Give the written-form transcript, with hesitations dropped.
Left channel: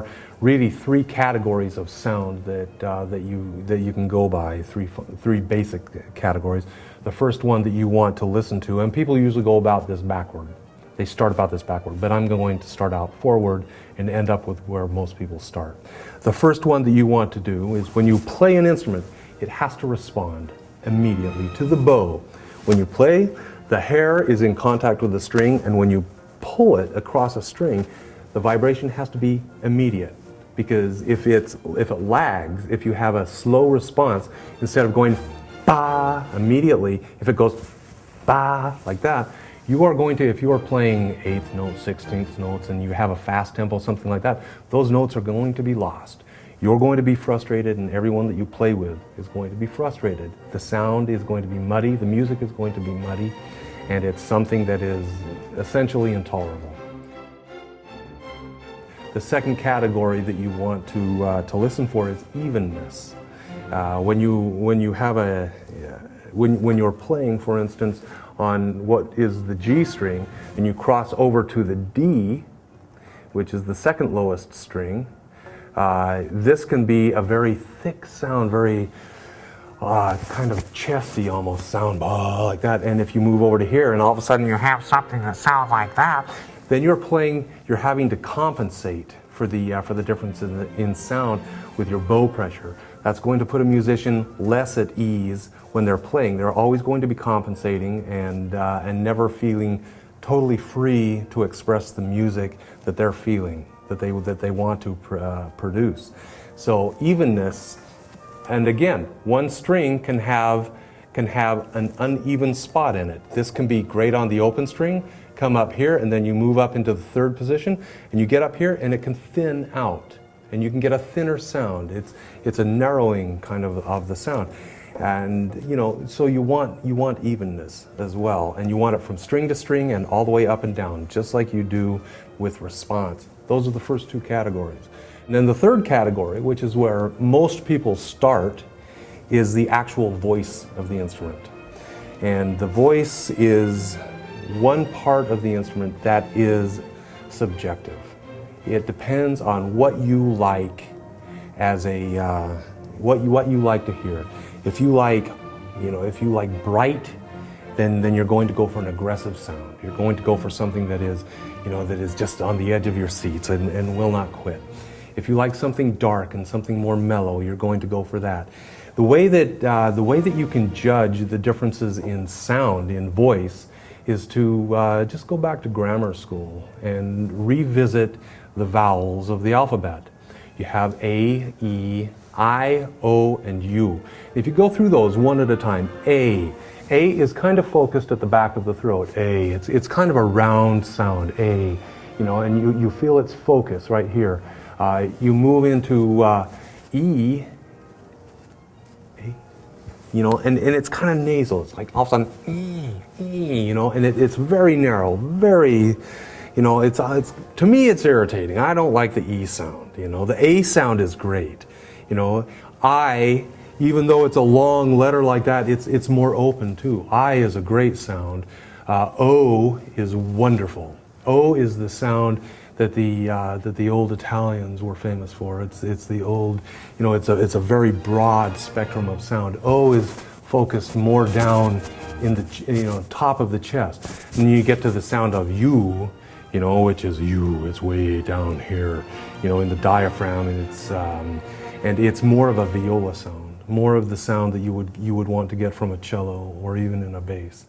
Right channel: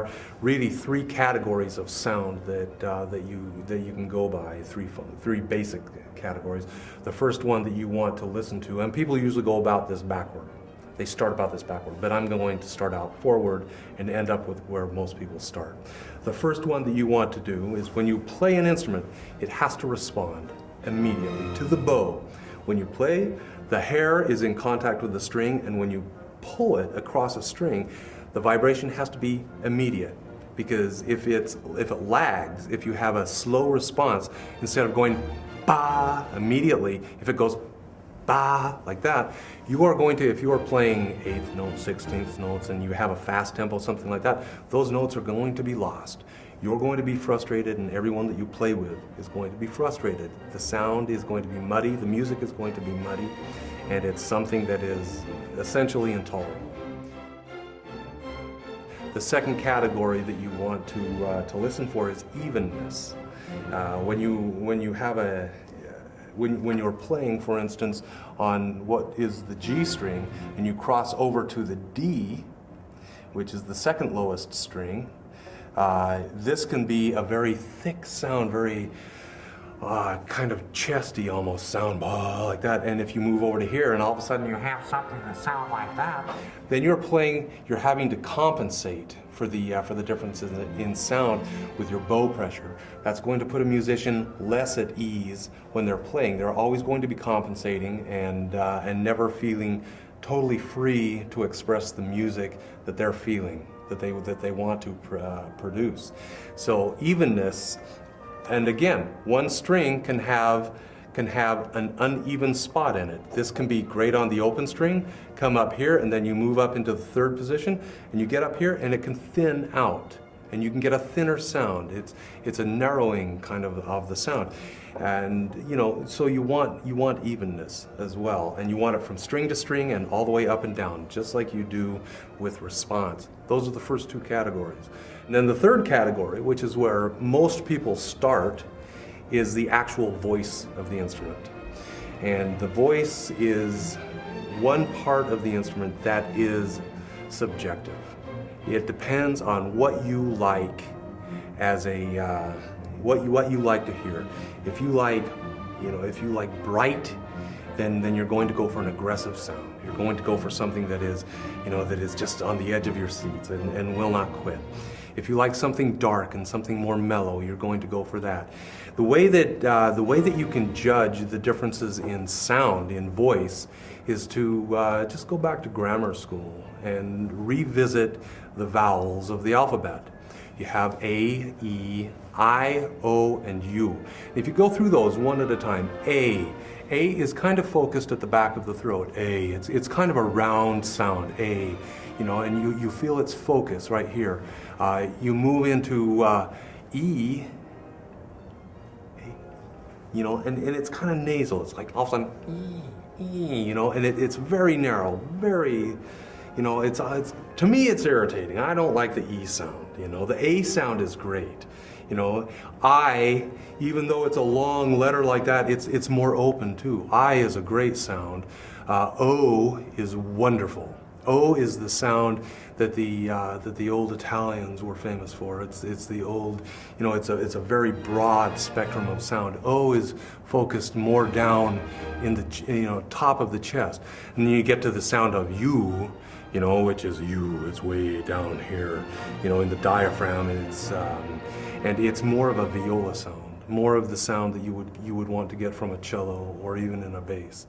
are really three categories of sound that you can go by, three basic categories. The first one that you want to listen to, and people usually go about this backward. They start about this backward, but I'm going to start out forward and end up with where most people start. The first one that you want to do is when you play an instrument, it has to respond immediately to the bow. When you play, the hair is in contact with the string, and when you pull it across a string, the vibration has to be immediate. Because if it lags, if you have a slow response, instead of going ba immediately, if it goes ba like that, you are going to, if you are playing 8th notes, 16th notes, and you have a fast tempo, something like that, those notes are going to be lost. You're going to be frustrated, and everyone that you play with is going to be frustrated. The sound is going to be muddy, the music is going to be muddy, and it's something that is essentially intolerable. The second category that you want to listen for is evenness. When you're playing, for instance, on what is the G string, and you cross over to the D, which is the second lowest string, this can be a very thick sound, very kind of chesty almost sound, like that. And if you move over to here and all of a sudden you have something that sounds like that, then you're having to compensate for the differences in sound with your bow pressure. That's going to put a musician less at ease when they're playing. They're always going to be compensating and never feeling totally free to express the music that they're feeling, that they want to produce. So evenness, and again, one string can have an uneven spot in it. This can be great on the open string, come up here, and then you move up into the third position, and you get up here, and it can thin out, and you can get a thinner sound. It's a narrowing kind of the sound. And so you want evenness as well, and you want it from string to string and all the way up and down, just like you do with response. Those are the first two categories. And then the third category, which is where most people start, is the actual voice of the instrument. And the voice is one part of the instrument that is subjective. It depends on what you like as what you like to hear. If you like bright, then you're going to go for an aggressive sound. You're going to go for something that is just on the edge of your seats and will not quit. If you like something dark and something more mellow, you're going to go for that. The way that you can judge the differences in sound, in voice, is to just go back to grammar school and revisit the vowels of the alphabet. You have A, E, I, O, and U. If you go through those one at a time, A is kind of focused at the back of the throat. A, it's kind of a round sound, A, and you feel its focus right here. You move into E, and it's kind of nasal. It's like all of a sudden, E, and it's very narrow, very, it's to me it's irritating. I don't like the E sound. The A sound is great. I, even though it's a long letter like that, it's more open too. I is a great sound. O is wonderful. O is the sound that the old Italians were famous for. It's the old, it's a very broad spectrum of sound. O is focused more down in the top of the chest, and you get to the sound of U, which is U. It's way down here, in the diaphragm, and it's more of a viola sound, more of the sound that you would want to get from a cello or even in a bass.